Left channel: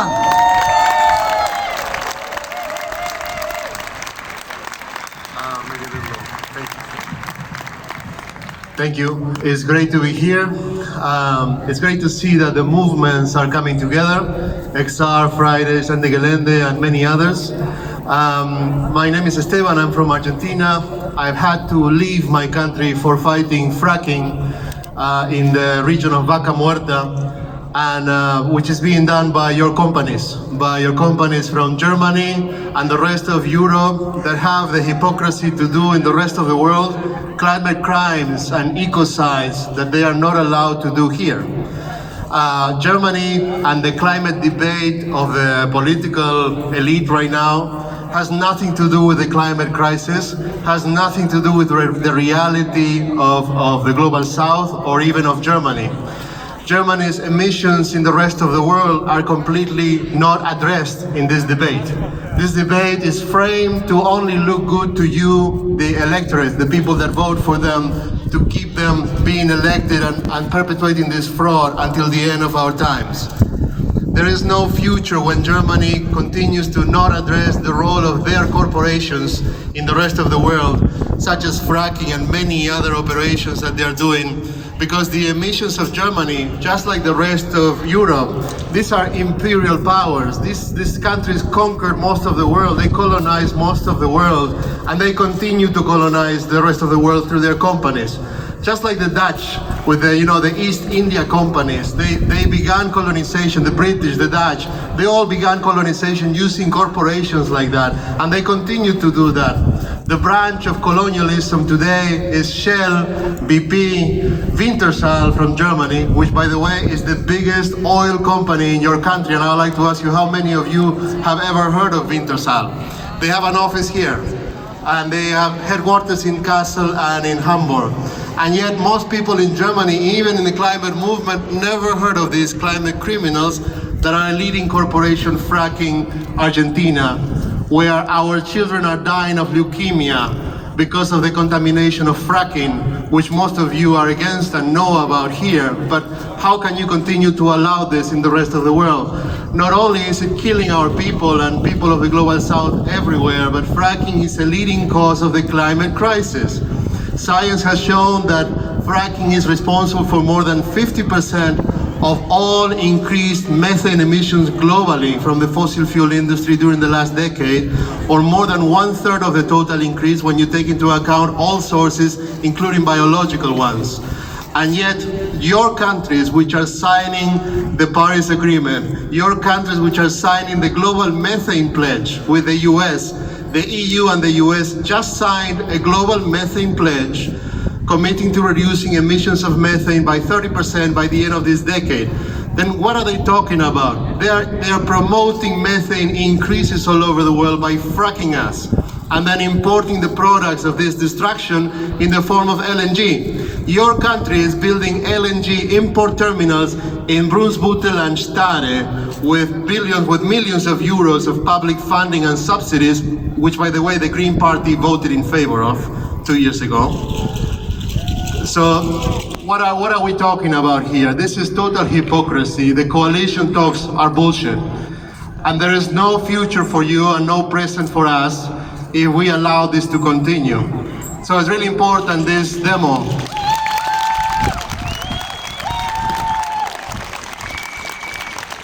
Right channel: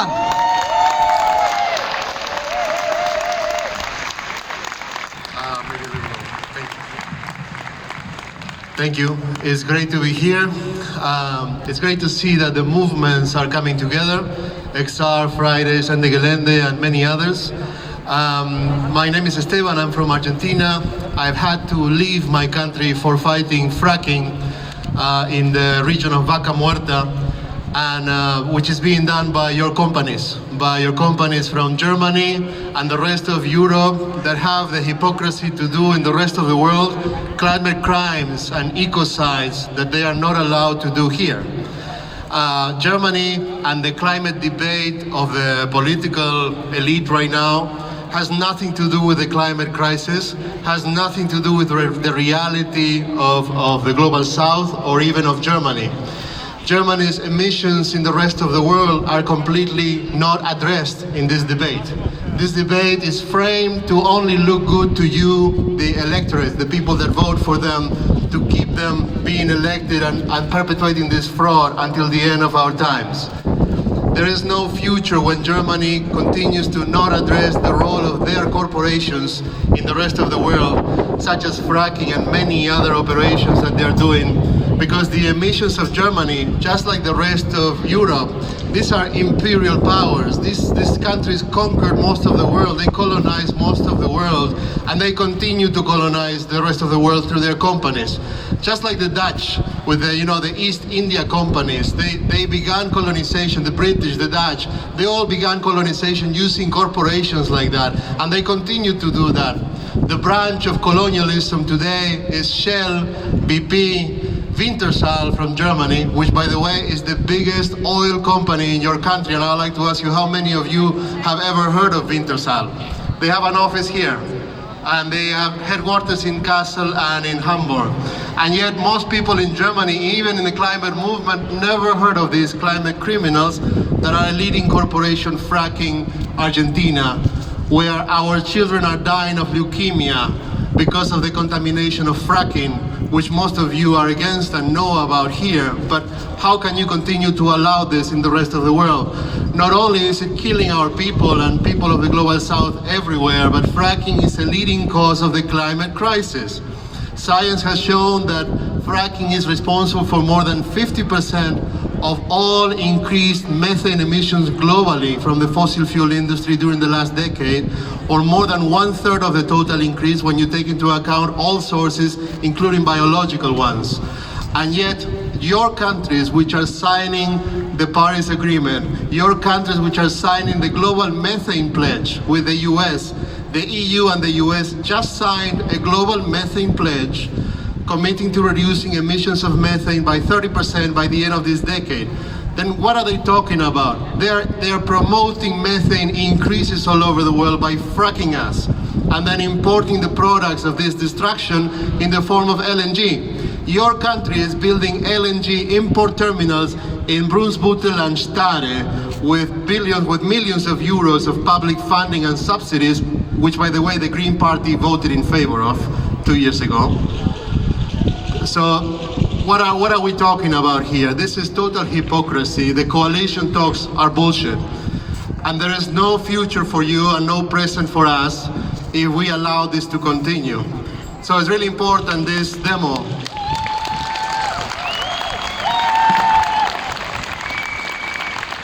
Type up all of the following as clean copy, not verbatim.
Esteban. Thank you. It's great to be here. It's great to see that the movements are coming together. XR, Fridays, and the Gelende, and many others. My name is Esteban. I'm from Argentina. I've had to leave my country for fighting fracking in the region of Vaca Muerta, and which is being done by your companies from Germany and the rest of Europe that have the hypocrisy to do in the rest of the world climate crimes and ecocides that they are not allowed to do here. Germany and the climate debate of the political elite right now has nothing to do with the climate crisis, has nothing to do with the reality of the global south or even of Germany. Germany's emissions in the rest of the world are completely not addressed in this debate. This debate is framed to only look good to you, the electorate, the people that vote for them, to keep them being elected and perpetuating this fraud until the end of our times. There is no future when Germany continues to not address the role of their corporations in the rest of the world, such as fracking and many other operations that they're doing, because the emissions of Germany, just like the rest of Europe, these are imperial powers. These countries conquered most of the world, they colonized most of the world, and they continue to colonize the rest of the world through their companies. Just like the Dutch with the East India companies, they began colonization, the British, the Dutch, they all began colonization using corporations like that, and they continue to do that. The branch of colonialism today is Shell, BP, Wintershall from Germany, which by the way is the biggest oil company in your country, and I would like to ask you how many of you have ever heard of Wintershall. They have an office here, and they have headquarters in Kassel and in Hamburg. And yet most people in Germany, even in the climate movement, never heard of these climate criminals that are leading corporation fracking Argentina, where our children are dying of leukemia because of the contamination of fracking, which most of you are against and know about here. But how can you continue to allow this in the rest of the world? Not only is it killing our people and people of the global south everywhere, but fracking is a leading cause of the climate crisis. Science has shown that fracking is responsible for more than 50% of all increased methane emissions globally from the fossil fuel industry during the last decade, or more than 1/3 of the total increase when you take into account all sources, including biological ones. And yet, your countries which are signing the Paris Agreement, your countries which are signing the Global Methane Pledge with the US, the EU and the US just signed a global methane pledge committing to reducing emissions of methane by 30% by the end of this decade. Then what are they talking about? They are promoting methane increases all over the world by fracking us and then importing the products of this destruction in the form of LNG. Your country is building LNG import terminals in Brunsbüttel and Stade with millions of euros of public funding and subsidies, which by the way the Green Party voted in favor of 2 years ago. So what are we talking about here? This is total hypocrisy. The coalition talks are bullshit. And there is no future for you and no present for us if we allow this to continue. So it's really important, this demo.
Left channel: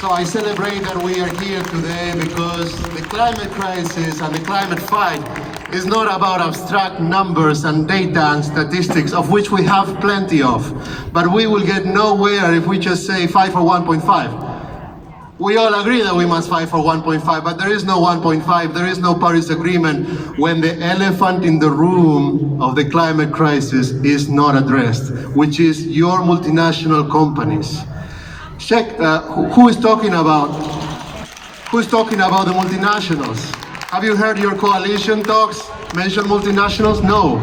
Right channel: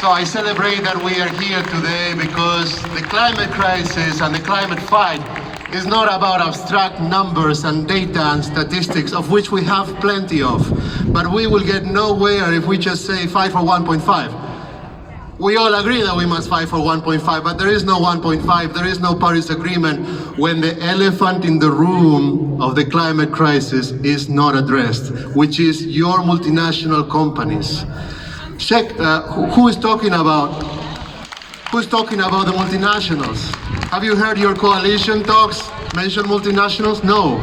So I celebrate that we are here today because the climate crisis and the climate fight is not about abstract numbers and data and statistics, of which we have plenty of. But we will get nowhere if we just say fight for 1.5. We all agree that we must fight for 1.5, but there is no 1.5, there is no Paris Agreement when the elephant in the room of the climate crisis is not addressed, which is your multinational companies. Check, who's talking about the multinationals? Have you heard your coalition talks mention multinationals? No.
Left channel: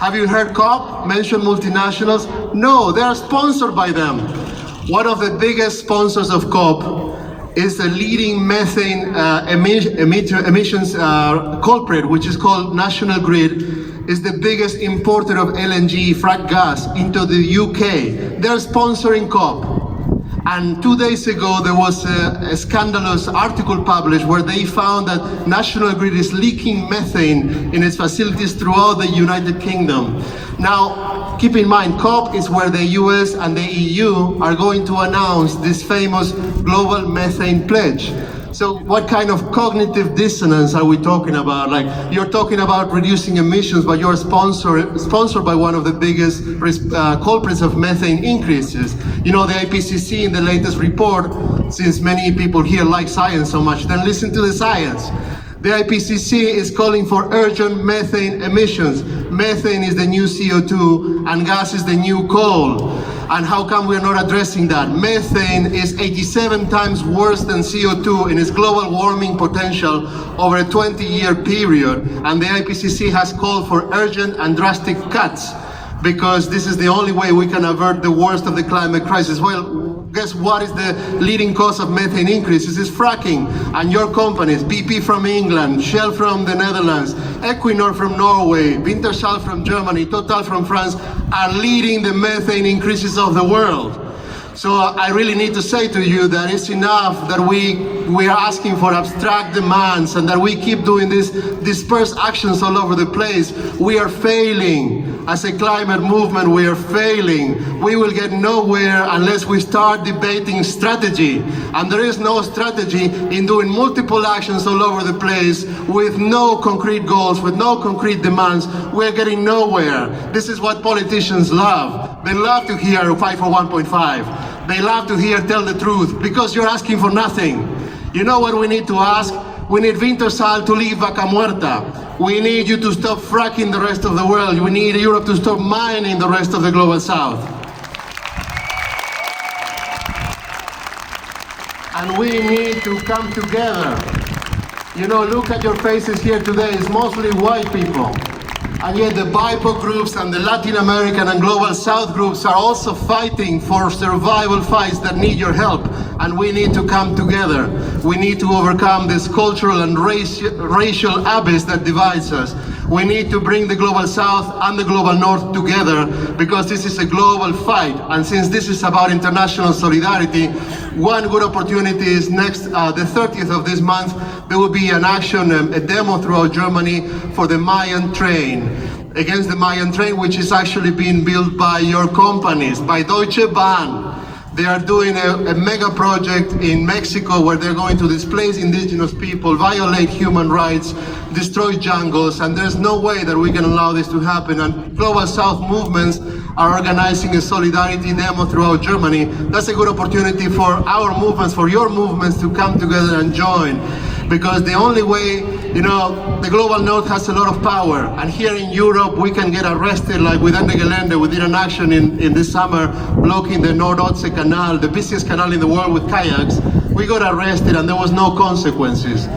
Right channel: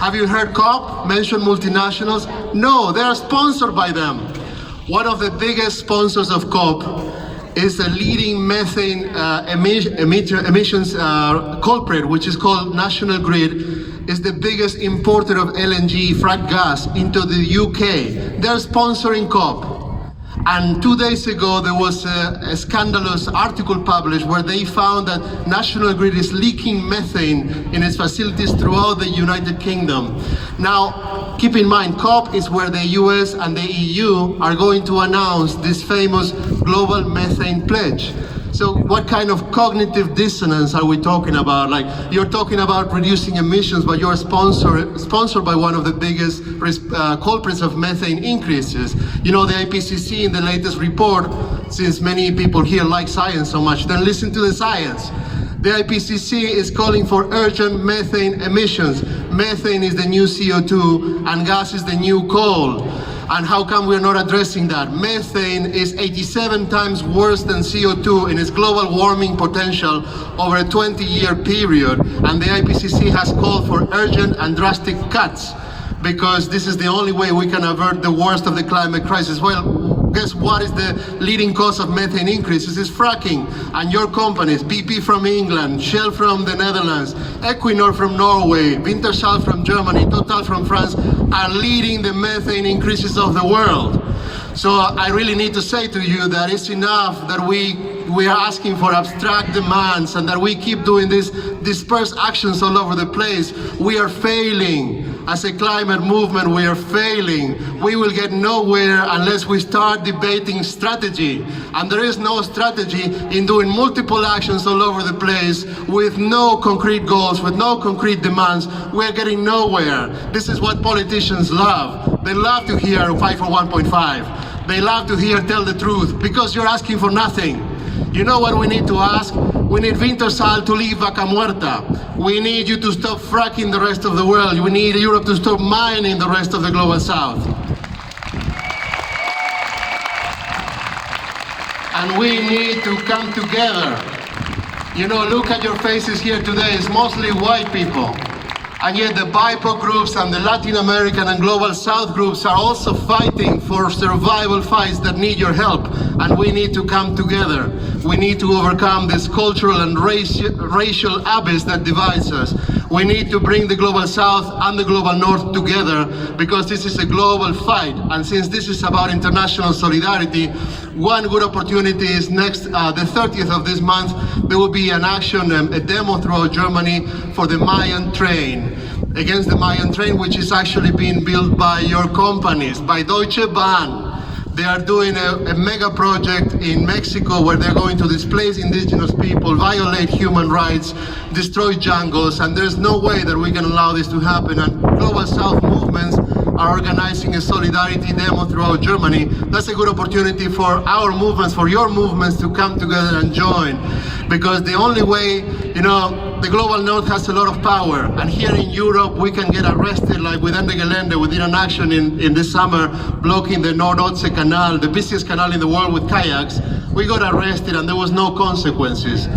Have you heard COP mention multinationals? No, they are sponsored by them. One of the biggest sponsors of COP is the leading methane emissions culprit, which is called National Grid, is the biggest importer of LNG, frack gas, into the UK. They're sponsoring COP. And 2 days ago, there was a scandalous article published where they found that National Grid is leaking methane in its facilities throughout the United Kingdom. Now, keep in mind, COP is where the US and the EU are going to announce this famous global methane pledge. So what kind of cognitive dissonance are we talking about? Like, you're talking about reducing emissions, but you're sponsored by one of the biggest culprits of methane increases. You know, the IPCC in the latest report, since many people here like science so much, then listen to the science. The IPCC is calling for urgent methane emissions. Methane is the new CO2 and gas is the new coal. And how come we're not addressing that? Methane is 87 times worse than CO2 in its global warming potential over a 20-year period. And the IPCC has called for urgent and drastic cuts because this is the only way we can avert the worst of the climate crisis. Well, guess what is the leading cause of methane increases? It's fracking. And your companies, BP from England, Shell from the Netherlands, Equinor from Norway, Wintershall from Germany, Total from France, are leading the methane increases of the world. So I really need to say to you that it's enough that we are asking for abstract demands and that we keep doing these dispersed actions all over the place. We are failing. As a climate movement, we are failing. We will get nowhere unless we start debating strategy. And there is no strategy in doing multiple actions all over the place with no concrete goals, with no concrete demands. We're getting nowhere. This is what politicians love. They love to hear fight for 1.5. They love to hear tell the truth because you're asking for nothing. You know what we need to ask? We need Wintershall to leave Vaca Muerta. We need you to stop fracking the rest of the world. We need Europe to stop mining the rest of the global south. And we need to come together. You know, look at your faces here today. It's mostly white people. And yet the BIPOC groups and the Latin American and Global South groups are also fighting for survival fights that need your help. And we need to come together. We need to overcome this cultural and racial abyss that divides us. We need to bring the Global South and the Global North together because this is a global fight. And since this is about international solidarity, one good opportunity is next, the 30th of this month, there will be an action, a demo throughout Germany for the Mayan train, against the Mayan train, which is actually being built by your companies, by Deutsche Bahn. They are doing a mega project in Mexico where they're going to displace indigenous people, violate human rights, destroy jungles, and there's no way that we can allow this to happen. And Global South movements are organizing a solidarity demo throughout Germany. That's a good opportunity for our movements, for your movements to come together and join. Because the only way, you know, the Global North has a lot of power, and here in Europe we can get arrested, like with Ende Gelände. We did an action in this summer blocking the Nord-Ostsee Canal, the busiest canal in the world, with kayaks. We got arrested and there was no consequences.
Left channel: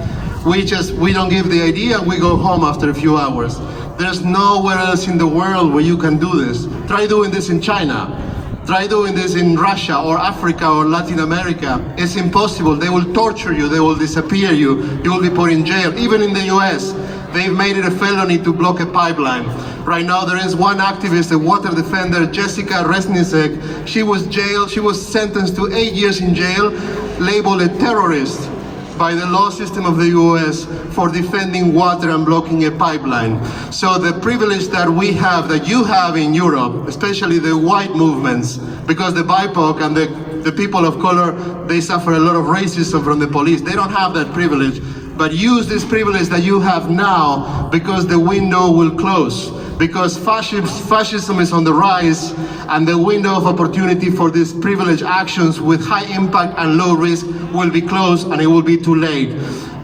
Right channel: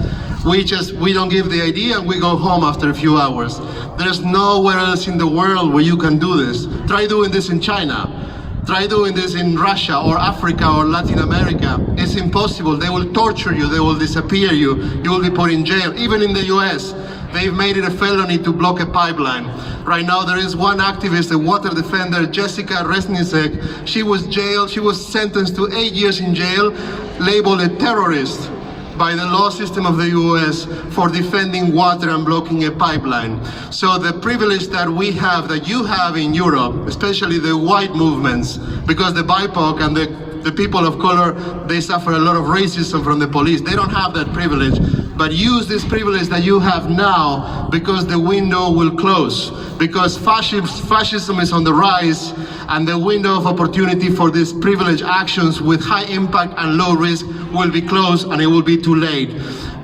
We don't give the idea and we go home after a few hours. There's nowhere else in the world where you can do this. Try doing this in China. Try doing this in Russia or Africa or Latin America. It's impossible. They will torture you. They will disappear you. You will be put in jail. Even in the US, they've made it a felony to block a pipeline. Right now, there is one activist, a water defender, Jessica Resnicek. She was jailed. She was sentenced to 8 years in jail, labeled a terrorist by the law system of the US for defending water and blocking a pipeline. So the privilege that we have, that you have in Europe, especially the white movements, because the BIPOC and the people of color, they suffer a lot of racism from the police. They don't have that privilege. But use this privilege that you have now because the window will close. Because fascism is on the rise, and the window of opportunity for these privileged actions with high impact and low risk will be closed, and it will be too late.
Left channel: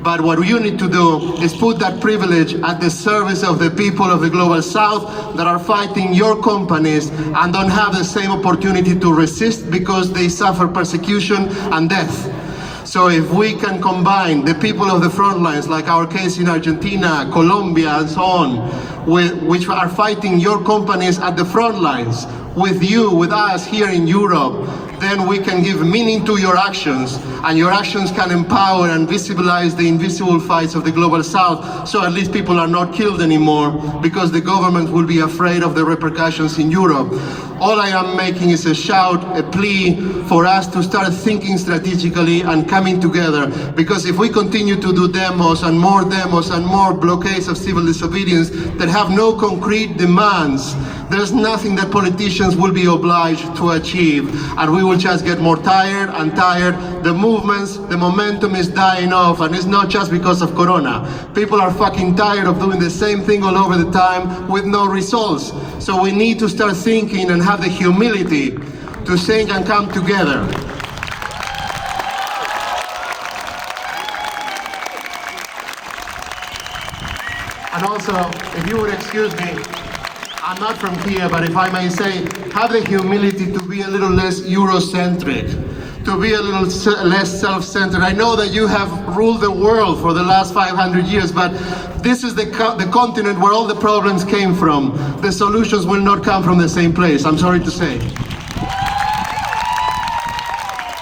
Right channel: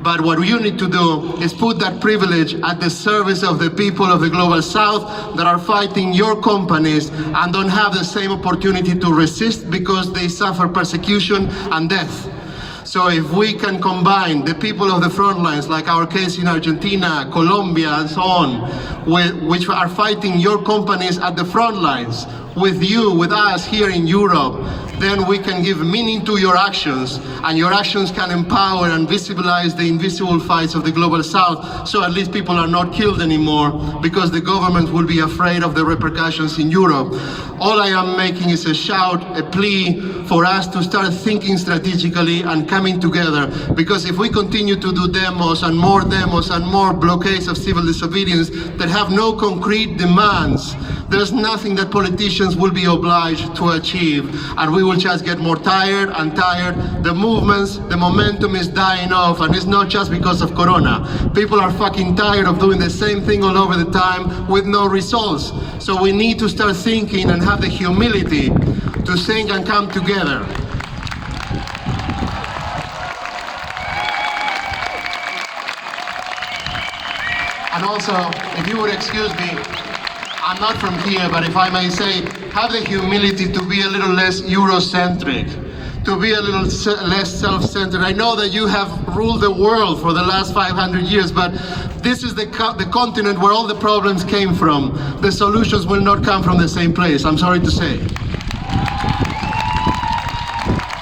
But what you need to do is put that privilege at the service of the people of the Global South that are fighting your companies and don't have the same opportunity to resist because they suffer persecution and death. So if we can combine the people of the front lines, like our case in Argentina, Colombia, and so on, which are fighting your companies at the front lines, with you, with us here in Europe, then we can give meaning to your actions, and your actions can empower and visibilize the invisible fights of the Global South, so at least people are not killed anymore because the government will be afraid of the repercussions in Europe. All I am making is a shout, a plea for us to start thinking strategically and coming together, because if we continue to do demos and more blockades of civil disobedience that have no concrete demands, there's nothing that politicians will be obliged to achieve, and we will just get more tired and tired. The movements, the momentum is dying off, and it's not just because of Corona. People are fucking tired of doing the same thing all over the time with no results. So we need to start thinking and have the humility to think and come together. And also, if you would excuse me, I'm not from here, but if I may say, have the humility to be a little less Eurocentric, to be a little less self-centered. I know that you have ruled the world for the last 500 years, but this is the continent where all the problems came from. The solutions will not come from the same place, I'm sorry to say.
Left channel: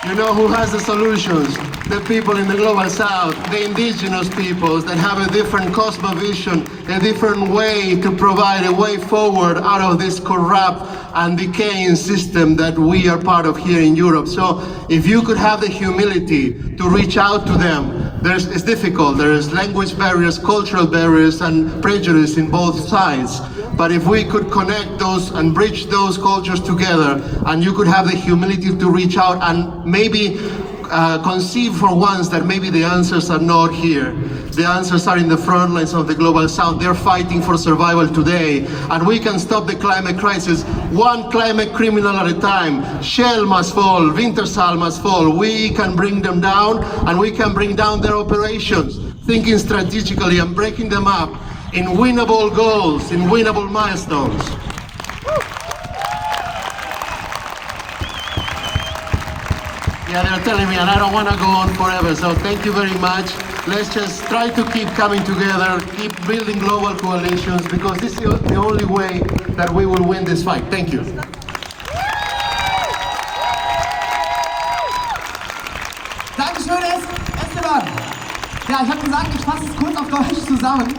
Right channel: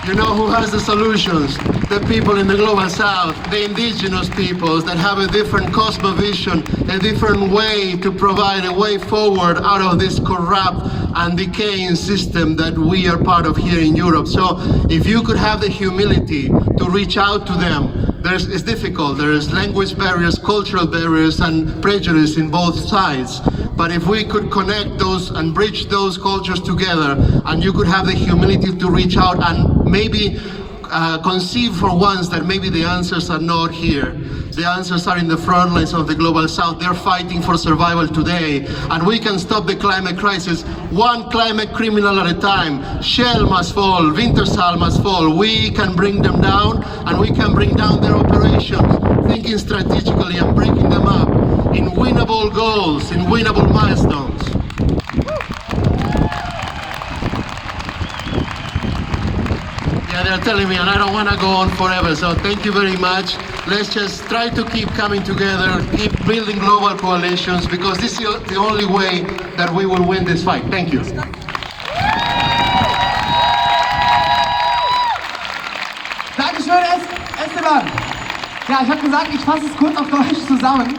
You know who has the solutions? The people in the Global South, the indigenous peoples that have a different cosmovision, a different way to provide a way forward out of this corrupt and decaying system that we are part of here in Europe. So if you could have the humility to reach out to them, it's difficult. There's language barriers, cultural barriers, and prejudice in both sides. But if we could connect those and bridge those cultures together, and you could have the humility to reach out and maybe conceive for once that maybe the answers are not here. The answers are in the front lines of the Global South. They're fighting for survival today, and we can stop the climate crisis one climate criminal at a time. Shell must fall, Wintershall must fall. We can bring them down, and we can bring down their operations, thinking strategically and breaking them up in winnable goals, in winnable milestones. Yeah, they're telling me, and I don't want to go on forever, so thank you very much. Let's just try to keep coming together, keep building global coalitions, because this is the only way that we will win this fight. Thank you. Dankeschön, Esteban. Ja, ich habe gesagt, ich fasse es kurz auf Deutsch zusammen.